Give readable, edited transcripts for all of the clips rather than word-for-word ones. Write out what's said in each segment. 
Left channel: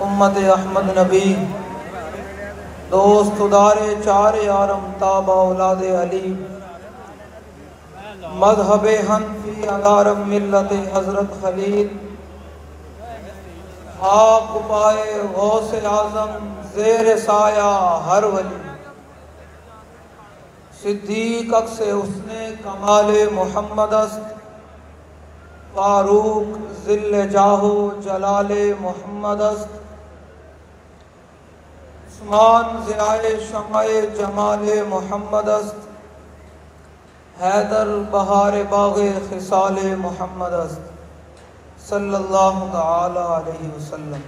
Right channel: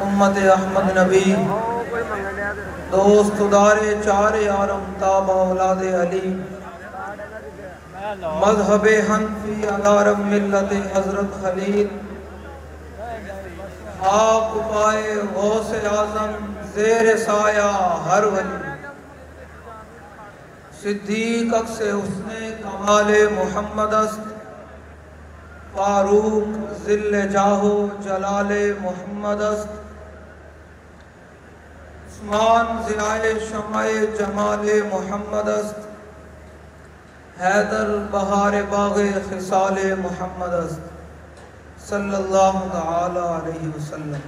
उम्मत अहमद नबी दोस्त उदारे चार यारम ताबा औलादे अली मज़हबे हनफी अलारम मिल्लत हज़रत खलील आक पाए गौसे आज़म ज़ेर साया हर वली सिद्दीक अक्से उसने कमाले मोहम्मद अस्त फारूक ज़िल्ले जाहो जलाले मोहम्मद अस्त उस्मान ज़ियाए शमाए जमाले मोहम्मद अस्त हैदर बहारे बाग़े खिसाले मोहम्मद अस्त सल्लल्लाहु तआला अलैहि वसल्लम।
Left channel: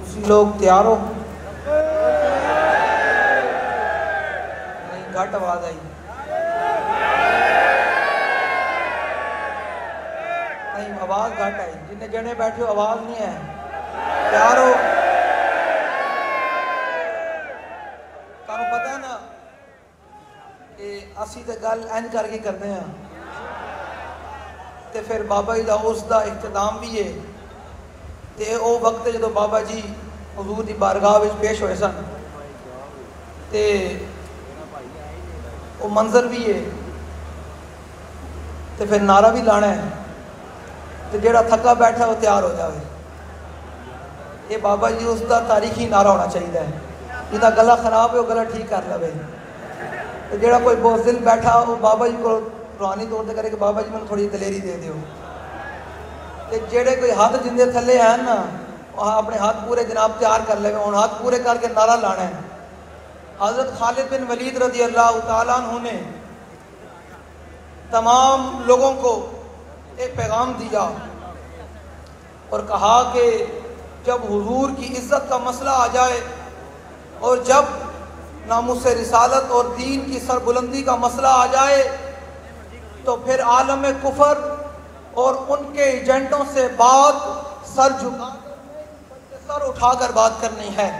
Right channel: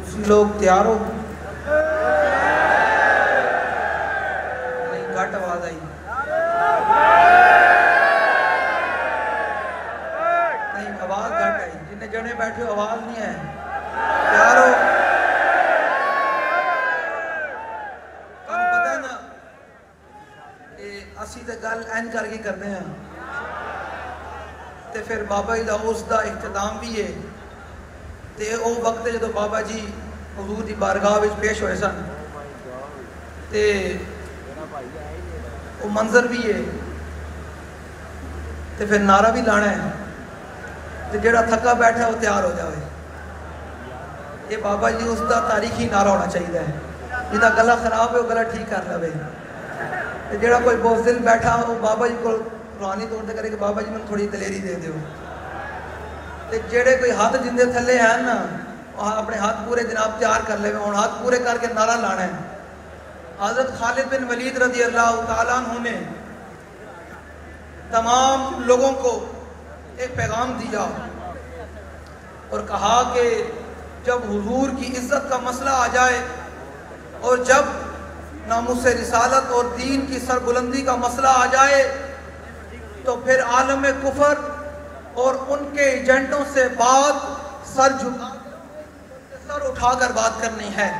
तुसी लोग तैयार हो? नहीं, घट आवाज आई नहीं, आवाज घट आई। जिन्हें जने बैठे हो आवाज नहीं है। तैयार हो? तुहानू पता है ना कि असी तो गल इंज करके करते हैं तो फिर बाबा जी का उसका इख्तिताम भी है। तो वो वक्त जो बाबा जी हुजूर की बारगाह में पेश होए सन तो वो मंजर भी है तो फिर नारा भी लाना है तो जेड़ा थका बैठा वो तैयार हो जाए। ये बाबा जी उसका तारीखी नारा होना चाहिए है। जिसका गला खराब है वो गला ठीक कर लवे। तो जेड़ा कोई बोझिल बैठा वो बाबा जी को रूहानी तौर पर करे कि बाबा जी मैं थोड़ी दलेरी दे दो। तो जेड़े कोई हाथ जिंदे थले हैं ना अपने हाथ पूरे जनाब तैयार कर ले। हम हाथ पूरे करके नारा लाना है। हज़रत खालिद बिन वलीद रज़ी अल्लाह तआला अन्हु ने तमाम लोगों को एक पैगाम दिया और कहा कि जब हुजूर की इज्जत का मसला आ जाए और जब नामुस रिसालत और दीन की सरबुलंदी का मसला आ जाए तो फिर आलम कुफर और उनके एजेंटों से बात सर झुका सर उठाकर बात करनी है।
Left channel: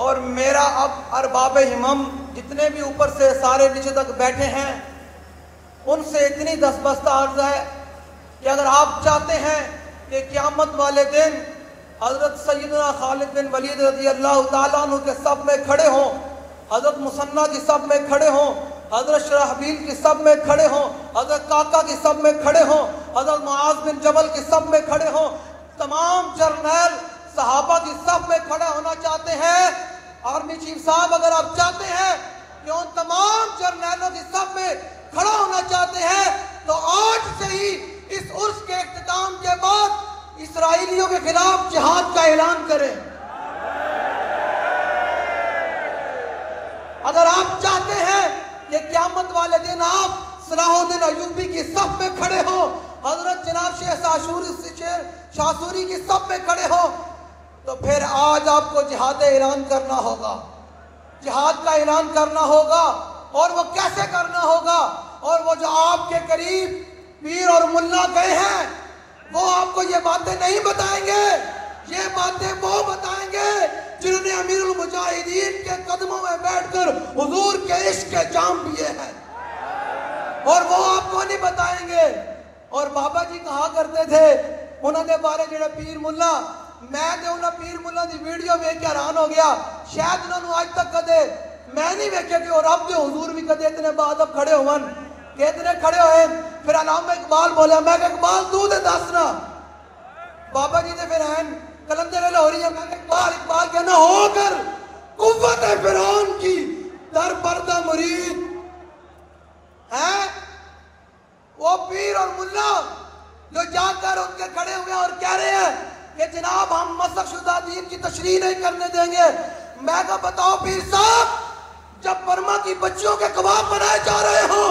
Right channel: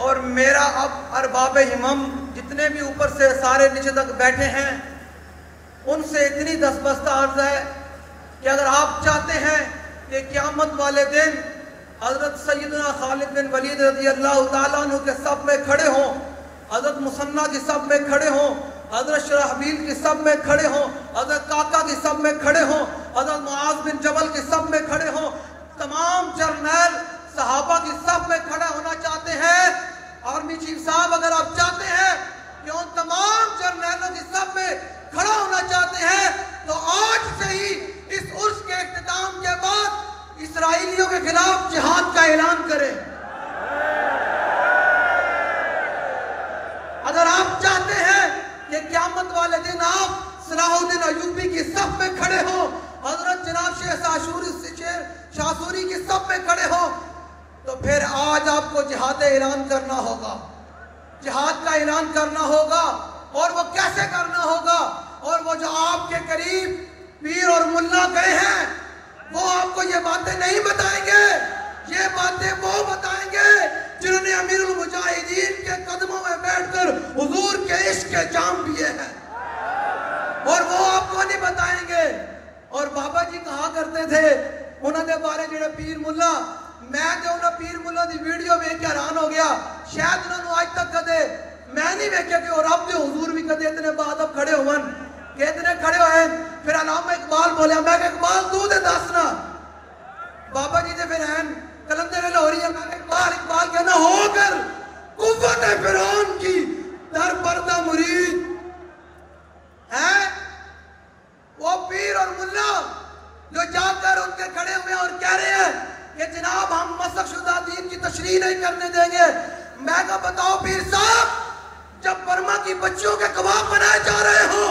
और मेरा अब अरबाब हिमम जितने भी ऊपर से सारे नीचे तक बैठे हैं उनसे इतनी दस्तबस्ता अर्ज है कि अगर आप चाहते हैं कि क़यामत वाले दिन हज़रत सैयदना खालिद बिन वलीद रज़ी अल्लाह तआला अन्हु के सफ में खड़े हों, हजरत मुसन्ना की सब में खड़े हों, हजरत शराहबील की सब में खड़े हों, हजरत काका की सब में खड़े हों, हजरत मुआज बिन जबल की सब में खड़े हों, तमाम जर्नैल सहाबा की सब में खड़ा होना चाहते हैं। आर्मी चीफ साहब अगर आप चाहते हैं कि उन तमाम जर्नैलों की सब में खड़ा होना चाहते हैं तो आज से ही इस उर्स के इख्तिताम के बाद इसराइलियों के खिलाफ जिहाद का ऐलान करें। अगर आप चाहते हैं कि क़यामत वाले दिन आप सलाहुद्दीन अय्यूबी की सब में खड़े हो, हजरत जनाब शेख शासूरी की सब में खड़े हो, तो फिर आज आपको जिहाद ऐलान करना होगा, जिहाद का ऐलान करना होगा। और वो कैसे करना होगा? और वो जो आपके करीब पीर और मुल्ला गए हैं वो आपको ये बातें नहीं बताएंगे, ये बातें वो बताएंगे जिन्होंने अमीरुल मुजाहिदीन के कदमों में बैठकर हुजूर के इश्क के जाम पिए हैं, और वो आपको नहीं बताएंगे। और बाबा जी कहा करते थे उन्होंने बारे जेड़ा पीर मुल्ला, मैं तो उन्हें पीर मुल्ला की वीडियो वेख के हैरान हो गया, शायद उन्होंने आज तक कदे मैं नहीं वेख्या कि और अब हुजूर भी कदे इतने बाद अब खड़े होवन, कितने खड़े होए। फिर अल्लामा इकबाल बोलिया, मैं इकबाल तू दे दसना। बाबा जी ने फिर हैन कलंदर लाहौरी है, मैं इकबाल कहना होकर कुव्वत फिरौन की दर पर्दा मुरीद है वो पीर और मुल्ला जो जाकर उनके खड़े हुए और कह रहे हैं कि जनाब हम मसखशुदा दीन की तशरीह नहीं करने देंगे। मैं को बताओ पीर साहब, जब बर्मा की बच्चियों के कबाब बनाए जा रहे हो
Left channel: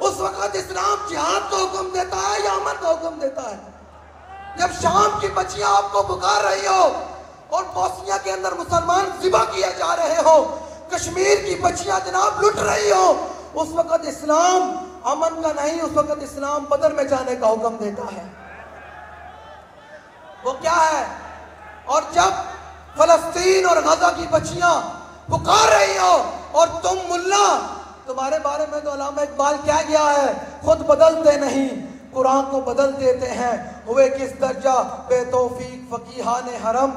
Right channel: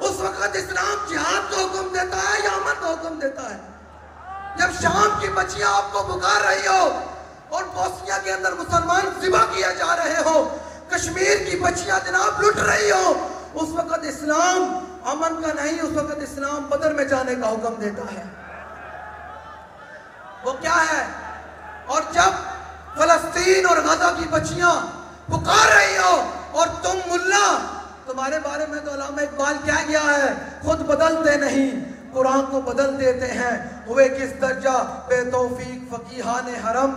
उस वक्त इस्लाम जिहाद का हुक्म देता है या अमन का हुक्म देता है? जब शाम की बच्चियां आपको पुकार रही हो और बोस्निया के अंदर मुसलमान ज़िबा किए जा रहे हो, कश्मीर की बच्चियां जनाब लुट रही हो, उस वक्त इस्लाम अमन का नहीं, उस वक्त इस्लाम बदर में जाने का हुक्म देता है। वो क्या है? और जब फलस्तीन और गजा की बच्चियां पुकार रही हो और तुम मुल्ला, तुम्हारे बारे में तो अल्लामा इकबाल क्या गया है, खुद बदलते नहीं कुरान को बदल देते हैं, हुए किस दर्जा बेतौफीक फकीहाने हरम।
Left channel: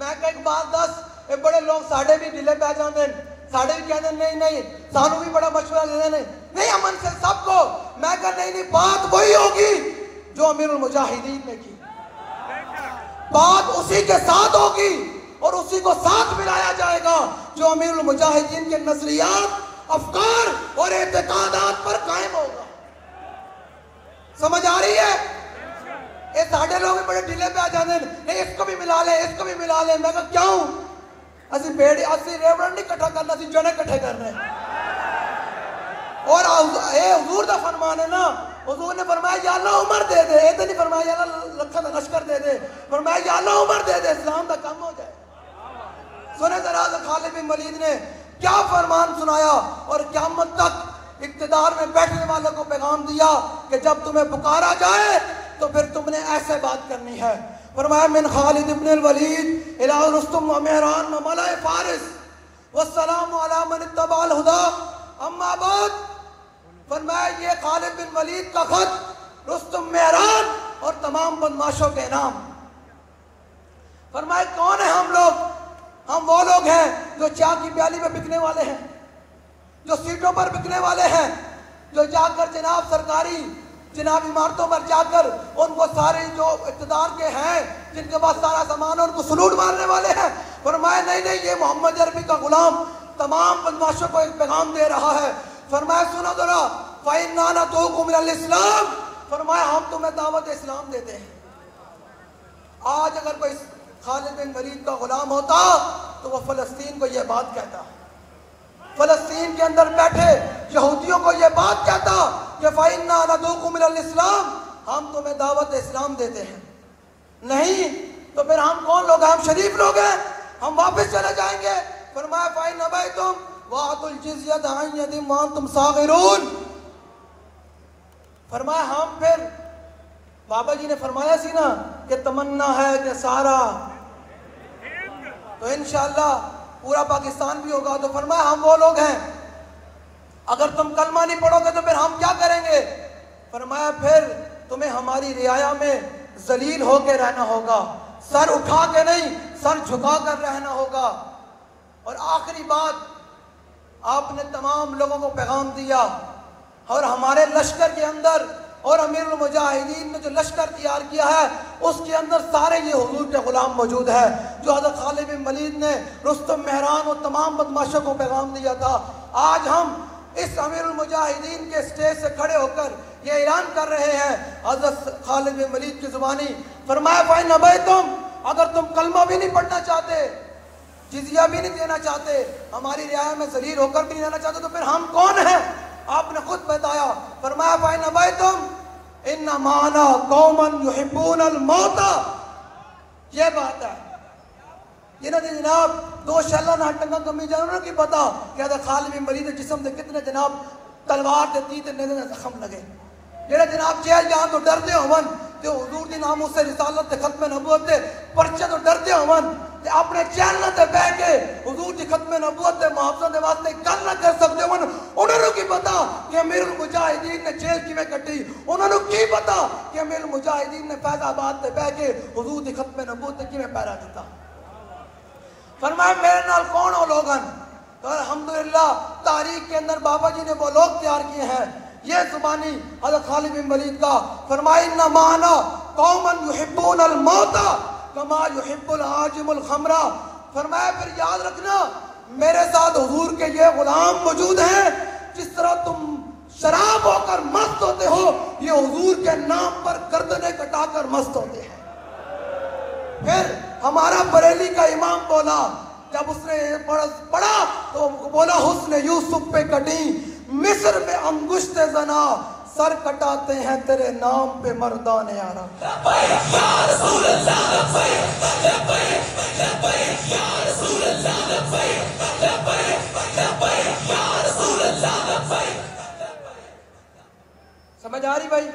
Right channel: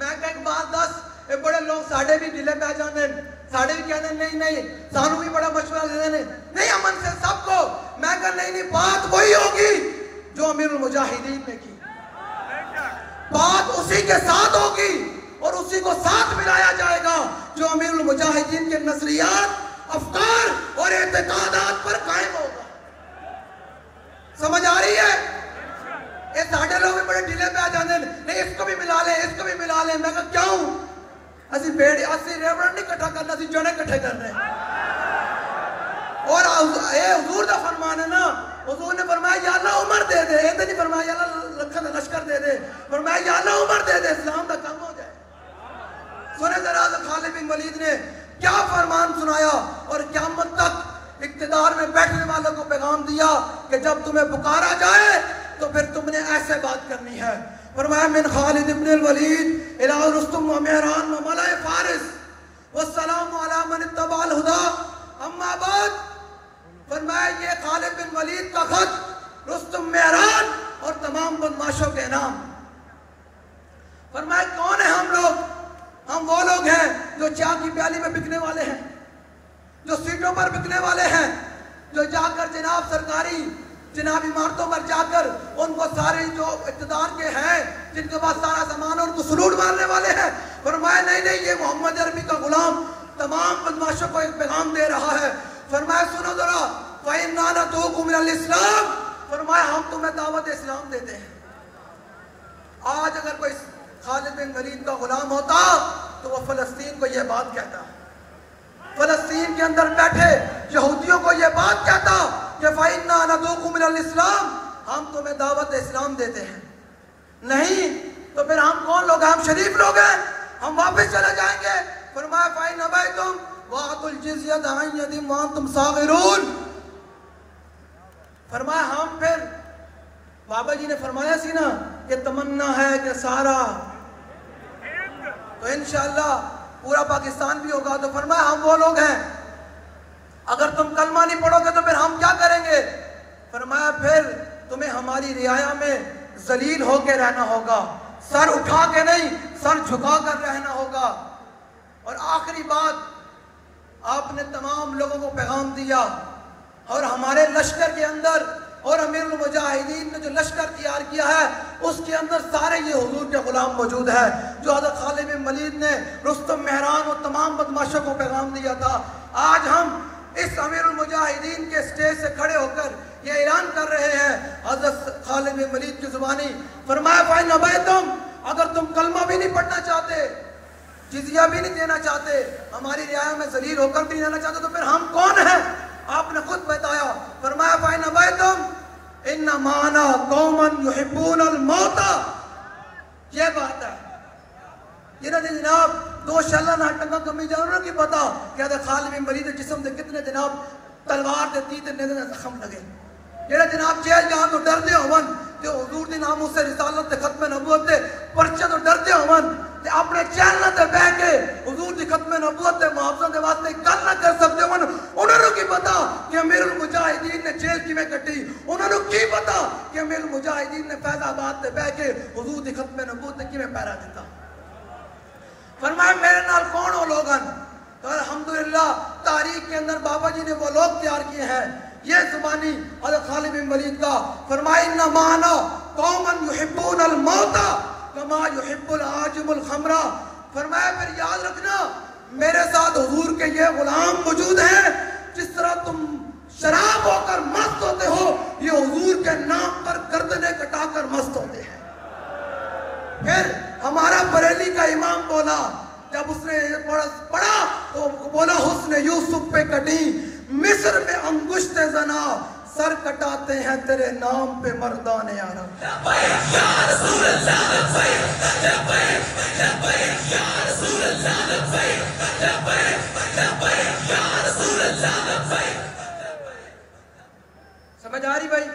मैं कह इकबाल दस ये बड़े लोग साढ़े भी ढिले पै जाते, साढ़े भी कहते नहीं नहीं सानू भी बड़ा मशवरा देते नहीं अमन से सबको। मैं कह नहीं नहीं, बात वही होगी जो अमीरुल मुजाहिदीन ने की, बात उसी के साथ होगी और उसी को साथ मिलाया जाएगा जो अमीरुल मुजाहिदीन के नजरियात, अफकार और एतकादात पर कायम होगा। समझ आ रही है? ये साढ़े लोग भी बड़े ढीले पे आ जाते नहीं इसको भी मिला ले, इसको भी मिला ले। मैं कहा क्यों? असि बेड़ी असि रेवरंड नहीं इकट्ठा करना, असि जने इकट्ठे करने। और ए हुजूर दा फरमान है ना, हुजूर ने फरमाया या अल्लाह उमर दे दे, ये तो नहीं फरमाया या अल्लाह लखन लश्कर दे दे, फरमाया या अल्लाह उमर दे दे, इस्लाम का काम हो जाए। सुने जरा खालिद बिन वलीद ने क्या फरमान सुनाया और क़यामत तक इक़्तिदार में बैठने वालों को पैगाम दिया कि जब तुम्हें पुकारा जाए तो फिर तुमने ऐसे बात करनी है। फरमाया मिन खालिद इब्न वलीद इला रुस्तुम व मेहरान व मलाए फारिस वस्सलामु अला मन इत्तबअल हुदा अम्मा बाद। फरमाया ये खालिद बिन वलीद का खत रुस्तुम, मेहरान और तमाम बदमाशों के नाम। फरमाया कौन है हम लोग? हम वो लोग हैं जो चाय की प्याली में बिकने वाले हैं, जो सीटों पर बिकने वाले हैं, जो जाकर जनाब सरकारी जनाब इमारतों पर जाकर उनको सारे जो इक़्तिदार के हैं जिनके पास सारा सामान है उनको सलूट मारने वाले हैं। फरमाया नहीं नहीं, ये मोहम्मद अरबी का गुलाम तमाम बदमाशों को एक पैगाम दे रहा है। फरमाया सुनो जरा, फ़इन्ना नदऊकुम इलल इस्लाम, फरमाया हम तुम्हें दावत इस्लाम देते हैं। आज अगर कोई खालिद बिन वलीद का गुलाम होता तो वह फ़लस्तीन को यह बात कहता, फ़लस्तीन के अंदर बैठे यहूदियों को यह बात कहता कि फ़इन्ना नदऊकुम इलल इस्लाम, हम तुम्हें दावत इस्लाम देते हैं। नहीं तो फिर हम कौन लोग हैं? हम शरीफ लोग हैं, हम वापस चले जाएंगे। फरमाया फ़इन अबैतुम वअतुल जिज़यत अन यदिन व अंतुम सागिरून। फरमाया हम फिर, बाबा जी ने फरमाया सी ना कि तमन्ना है कि सारा तो इंशाअल्लाह पूरा पाकिस्तान भी होगा। तो फरमाया हम वो लोग हैं, अगर तुम कलमा नहीं पढ़ोगे तो फिर हम क्या करेंगे? फरमाया फिर तुम्हें हमारी रियाया में जलील होकर रहना होगा, सर उठा के नहीं सर झुका कर रहना होगा। और आखिरी बात आपने तमाम लोगों को पैगाम दिया और हमारे लश्कर के अंदर और अमीरुल मुजाहिदीन ने जो लश्कर तैयार किया है उसके अंदर सारे ये हुजूर के गुलाम मौजूद है, जो हज़रत खालिद बिन वलीद ने रुस्तम मेहरान और तमाम बदमाशों को पैगाम दिया था। आज हम इस अमीरुल मुजाहिदीन के स्टेज से खड़े होकर ये ऐलान कर रहे हैं, हज़रत खालिद बिन वलीद की जुबानी फरमाया फाइन नबैतुम, अगर तुम कलमा भी नहीं पढ़ना चाहते, जिजिया भी नहीं देना चाहते, हमारी रियाया में जलील होकर भी नहीं रहना चाहते, तो फिर हम कौन हैं? आपने खुद बताया, फरमाया फाइन नबैतुम इन्ना माना कौमन युहिब्बूनल मौता। ये बात है। ये ना जनाब दो शल्ला ना टंगा कमी जानवर की पता क्या था खालिद बिन वलीद जिस्म से कितने जनाब तलवार दे तीर ने जख्म लगे। जेड़ा जनाब जेल जान तो डरदे होवन ते हुजूर दी नाम से रिसालत ते खत्म नबूवत ते परचे तो डरदे होवन ते अपने चैनल ते बैठ के हुजूर दी खत्म नबूवत ते मुआवजा दे वास्ते गल ना कर सकदे होवन। उन्हां की पता कि अमीरुल मुजाहिदीन ने जेल किवें कटी, उन्हां की पता कि अमीरुल मुजाहिदीन ने फैजाबाद ते बैठ के हुजूर दी खत्म नबूवत ते किवें पहरा दिता। फरमाया मेरे नाल कौन हो लोगन? तो अल्हम्दुलिल्लाह तारीख के अंदर बाबा जी ने वो लोग तैयार किए हैं। ये जुबानी हज़रत खालिद बिन वलीद का फरमाया इन्ना माना कौमन युहिब्बूनल मौता कमा युहिब्बुल आजिमुल खमरा। फरमाया फिर याद रखना मेरे साथ हुजूर के ये गुलाम मौजूद हैं, जिस तरह तुम शराब होकर मस्त होते हो ये हुजूर के नाम पर गर्दने कटाकर मस्त होते हैं। फिर हमारा बरेली का इमाम बोला, जब उसने पढ़ा तो बोला हुस्न यूसुफ पे कटी मिस्र में अंगुश्ते जना सर कटाते हैं तेरे नाम पे मर्दाने आरा। समझ आ रही भाई?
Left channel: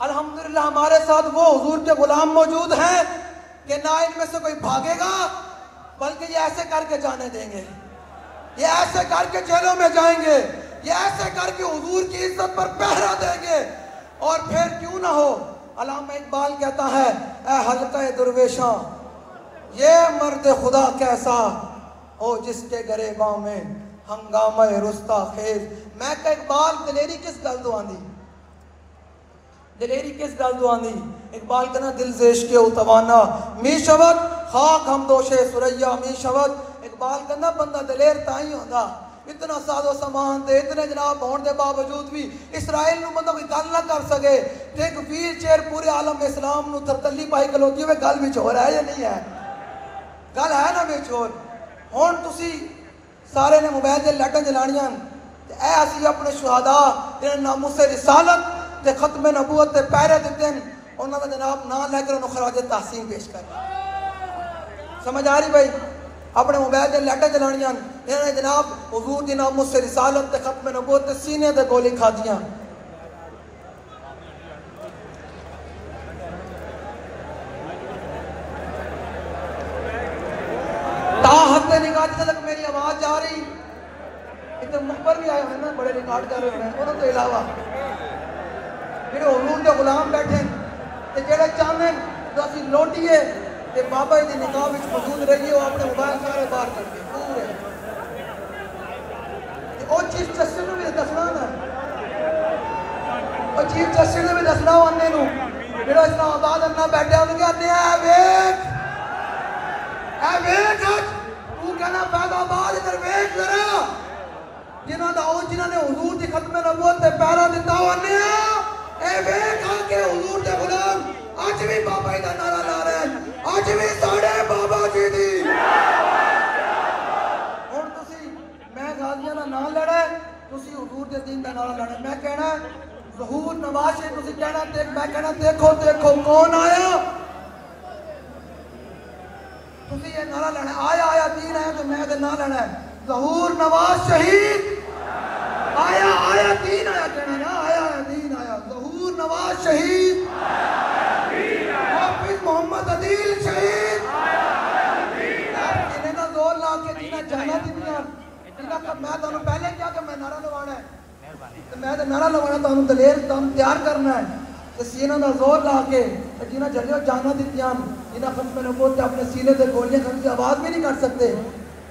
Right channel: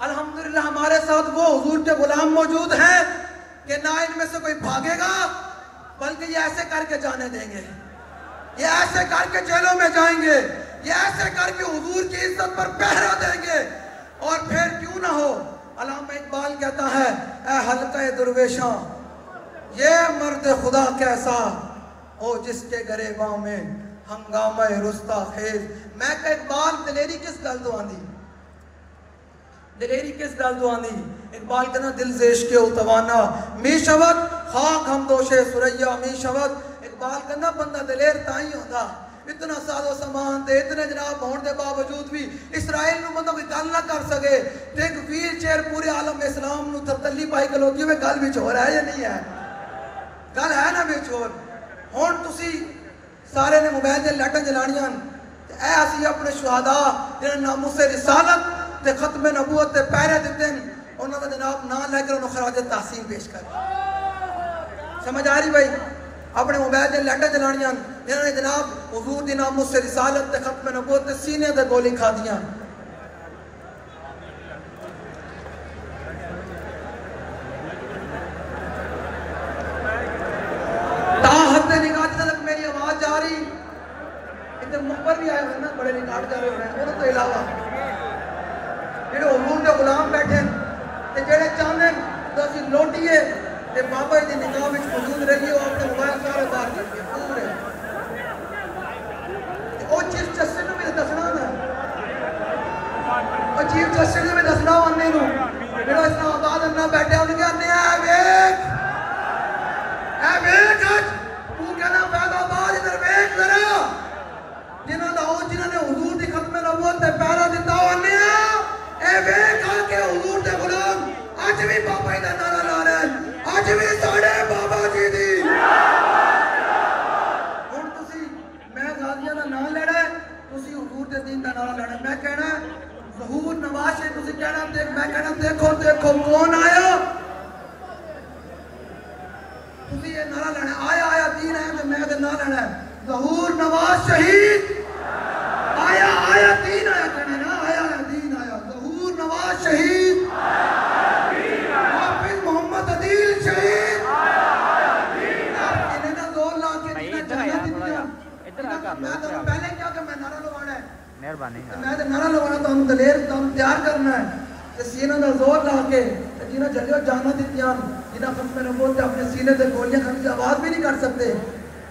अल्हम्दुलिल्लाह हमारे साथ वो हुजूर के गुलाम मौजूद हैं कि ना इनमें से कोई भागेगा, बल्कि ये ऐसे करके जाने देंगे, ये ऐसे करके जेलों में जाएंगे, ये ऐसे करके हुजूर की इज्जत पर पहरा देंगे। और फिर क्यों ना हो, अल्लामा इकबाल कहता है ए हल्का दुर्वेशा ये मर्द खुदा कैसा हो जिसके गरेबां में हंगामा रुस्ता खेज। मैं कह इकबाल दिलेरी किस गल तो आंदी, दिलेरी किस गल तो आंदी? इकबाल कहना दिल जेश के उतवाना मी शवत खाक हम दोषे सुरैया मी शवत। इकबाल कहना बंदा दिलेर ताई होंदा, इतना सादो सामान ते इतने जनाब होने के बावजूद भी इसराइल नूं मतलब कोई गल ना कर सके ते एक व्हील चेयर पूरे आलम इस्लाम नूं थरतली पाई खलोती होवे। गल विच हो रहा है या नहीं है? गल है ना विच होर। हुण तुसी सारे ने मोबाइल ते लाइटां जलाणियां ते ऐ असीं अपने शुहदा जिन्हां नामूसे रिसालत ते खत्म नबूवत ते पहरे दिते हैं उन्हां दा जनाब नाम लैकर उन्हां खराज तहसीन पेश कर। समझ आ रही भाई? अपने मोबाइल से लाइटां जलानियां इन्होंने जनाब हुजूर दी नामूस से रिसालत ते खत्म नबूवत ते सीने ते गोली खादियां। ताहत निगाह तक मेरी आवाज जा रही, इधर मुखबर भी आए हुए ना बड़े रिकॉर्ड कर रहे हैं। उन्होंने तो इलावा जेडे हुजूर के गुलाम बैठे ते जेडे चाहते तो असीं लौटीए ते बाबा जी की निगाह में मौजूद रहिए, वो अपने मोबाइल सारे बाहर करके पूरे चीफ जस्टिस भी दसना ना, चीफ जस्टिस ने भी दसना आने जो इस्लामाबाद अन्ना बैठे उन्हें आने तू कहना फैजाबाद इधर वेख जरा जिन्होंने हुजूर की खत्म नबूवत ते पहरा दिता आने के हुजूर दे गुलाम अज भी बाबा जी का नारा ला रहे हैं, अज भी साढ़े बाबा जी दी। हुण तुसी मैं गाजियां दा नाम लेना है, तुसी हुजूर दे दीन दा नारा लेना। मैं कहना ज़हूर नवाज शरीफ तुसी कहना देख, मैं कहना देखो देखो कौन आया। तुसी ये नारा लेना आया आया दीन है, तो मैं ते ना लेना है ज़हूर नवाज शहीद आया आया दीन आया, कहना ना आया दीन आया ज़हूर नवाज शहीद मोहम्मद अदील शहीद। इन्हें ना जोर ला के जिन्हें जाना दित्तियां मैं तो पहले क्या कि मैं नारा लवाना है, मैं तो नारा लवाना तो दलेर तैयार करना है ते सीना का जोर ला के जिन्हें जलियो जाना दित्तियां जिन्हें खत्म नबूवत अपने सीने से गोलियां खाने की आवाज भी नहीं कर सकते।